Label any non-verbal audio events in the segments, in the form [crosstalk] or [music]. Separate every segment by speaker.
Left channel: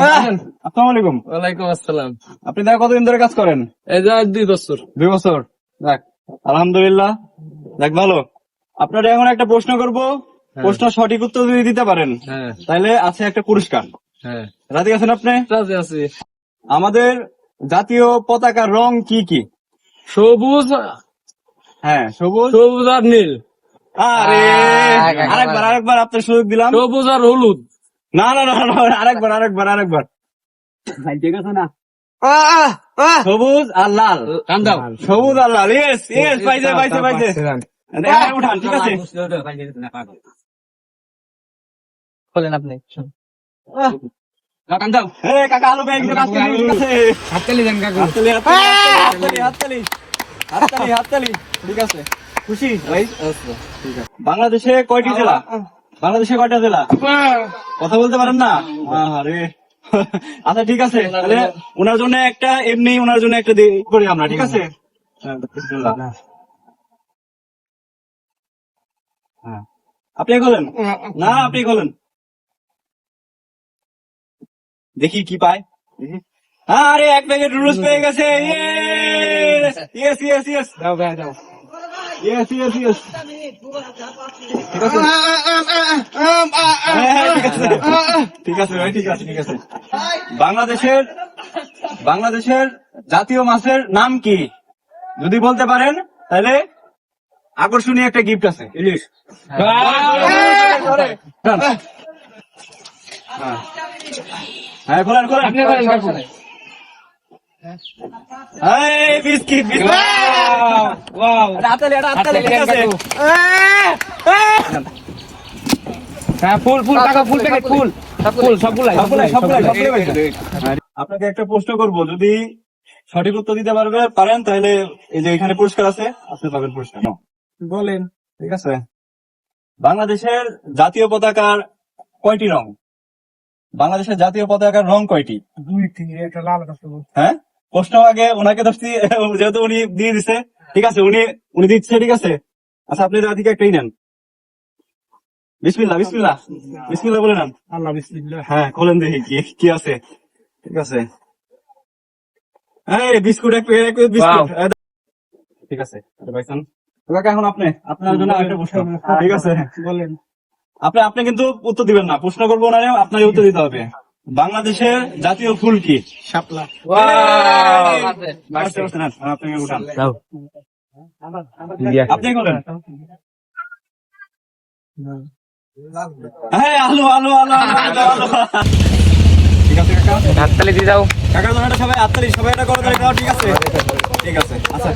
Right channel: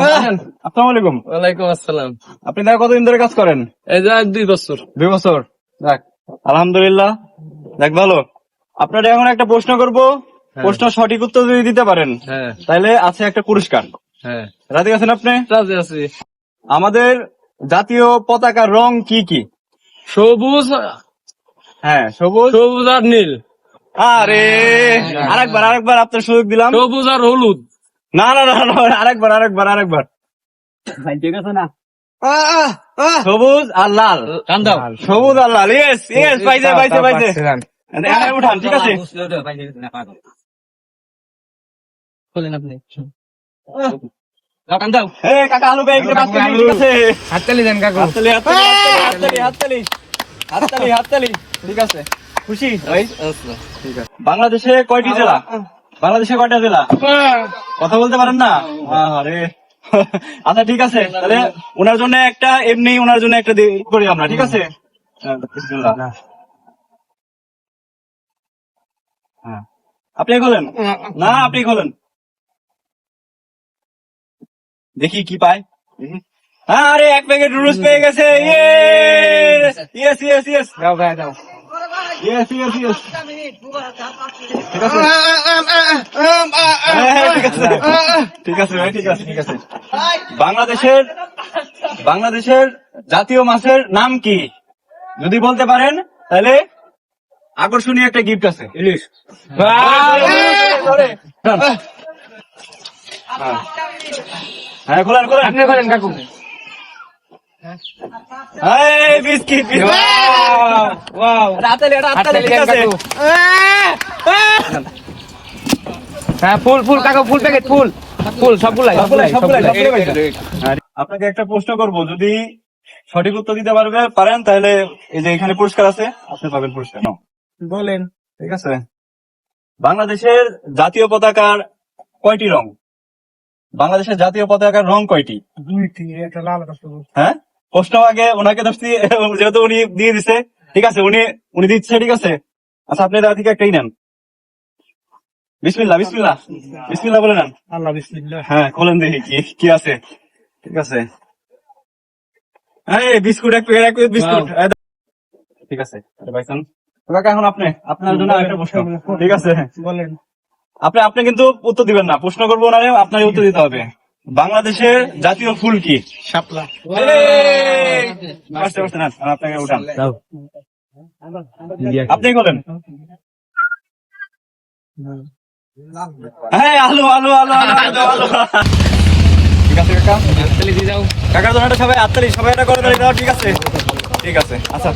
Speaker 1: আসসালামু আলাইকুম।
Speaker 2: ওয়ালাইকুম আসসালাম।
Speaker 1: আপনি দেখা কতদিন ধরে কাজ করেন?
Speaker 2: এই যে দুই বছর।
Speaker 1: দুই বছর? যাক আলহামদুলিল্লাহ। যাক ভালো। আপনারা এখন একটা প্রশ্ন করব। প্রশ্ন সঠিক উত্তর যদি দিতে পারেন
Speaker 2: হ্যাঁ।
Speaker 1: তাহলে আছে একটা পুরস্কার।
Speaker 2: হ্যাঁ।
Speaker 1: রাজি আছেন আপনি?
Speaker 2: রাজি আছি।
Speaker 1: আমাদের জাতীয় পতাকার রং কি কি?
Speaker 2: সবুজ
Speaker 1: হ্যাঁ সবুজ।
Speaker 2: সবুজ আর নীল।
Speaker 1: আরে আরেকবার আরেকবার আপনার সুযোগ দিলাম।
Speaker 2: সবুজ আর হলুদ।
Speaker 1: না না না না, আরেকবার আরেকবার আরেকবার। ঠিক আছে না? সবুজ আর লাল।
Speaker 2: দাও।
Speaker 1: সবুজ আর লাল ইয়েস ইয়েস পাইছে পাইছে পাইছে। উঠান ঠিক আছে।
Speaker 2: বলেন আপনি কান দাও।
Speaker 1: এই কাকা আলু ব্যাগ ঠিক আছে।
Speaker 2: হাততালি দেন কাকু।
Speaker 1: হাততালি হাততালি হাততালি হাততালি হাততালি ঠিক আছে। খুশি? ভাই বাংলাদেশে কয়টি জেলা? বাংলাদেশে কয়টা জেলা? কথা বলতে পারেন না? আরে আচ্ছা ঠিক আছে। তাহলে ওনার জন্য একটা এমনি ওনার জন্য একটা করি আমরা ঠিক আছে? হ্যাঁ। হ্যাঁ। আপনি খোলেন না আপনি খোলেন দেখি কি পায়। হ্যাঁ, আরে এক প্যাকেট রুলস পেয়ে গেছে। ইয়েস ইয়েস ইয়েস
Speaker 2: দাও ভাই দাও।
Speaker 1: হ্যাঁ, হ্যাঁ, আছে। ঠিক আছে বাংলাদেশের বাংলাদেশের জাতীয় মাছের নাম কি? যদি বলতে পারেন তাহলে আকর্ষণীয় একটা গিফট আছে। ইলিশ। হ্যাঁ। খোলেন খোলেন। আপনাকে একটা প্রশ্ন করব। যদি সঠিক উত্তর দিতে পারবে পারেন তাহলে এই যে এখানে পুরস্কার আছে আপনি পাবেন পুরস্কার।
Speaker 2: বলেন।
Speaker 1: ঠিক আছে? বাংলাদেশের জাতীয় পতাকার কয়টি রং? বাংলাদেশের জাতীয় পতাকার রং কয়টি?
Speaker 2: দুইটি একটা লাল
Speaker 1: হ্যাঁ? প্রশ্ন আগে ওনাকে ধরছি [laughs] যেহেতু উনি দিয়ে দিছে ঠিক আছে উনি উনি দিচ্ছে ঠিক আছে? আচ্ছা আপনি দাদা থেকে একটাই নেন। বিসমিল্লাহ বিসমিল্লাহ বিসমিল্লাহ বলে নেন।
Speaker 2: আল্লাহ বিসমিল্লাহ।
Speaker 1: হ্যাঁ খোলেন দেখি কি কি আছে ঠিক আছে। এই বিস্কুট এক প্যাকেট এক বিস্কুট। ঠিক আছে আরে ভাইসান কাকা এখন আপনি আপনার জন্য আরেকটা প্রশ্ন। ঠিক আছে।
Speaker 2: বলেন।
Speaker 1: আপনি আপনি কিন্তু উত্তর দিবেন না প্রশ্ন করব না আপনার উত্তর দিতে হবে। বাংলাদেশের জাতীয় ফুল কি?
Speaker 2: শাপলা।
Speaker 1: আপনাকে উঠান। আপনি বলেন। হ্যাঁ আলু আলু আলু। ঠিক আছে কাকা?
Speaker 2: হাততালি দিয়ে
Speaker 1: যাও। কাকা তোমার সবাই হাততালি সবাই এটা করে দাও ঠিক আছে। আচ্ছা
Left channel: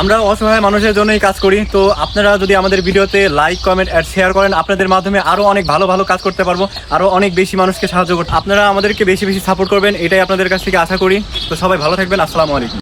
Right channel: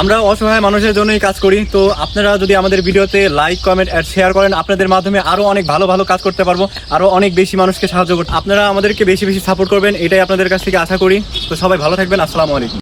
Speaker 1: আমরা অসহায় মানুষের জন্যই কাজ করি তো আপনারা যদি আমাদের ভিডিওতে লাইক কমেন্ট আর শেয়ার করেন আপনাদের মাধ্যমে আরও অনেক ভালো ভালো কাজ করতে পারব আরও অনেক বেশি মানুষকে সাহায্য করতে আপনারা আমাদেরকে বেশি বেশি সাপোর্ট করবেন এটাই আপনাদের কাছ থেকে আশা করি। তো সবাই ভালো থাকবেন আসসালামু আলাইকুম।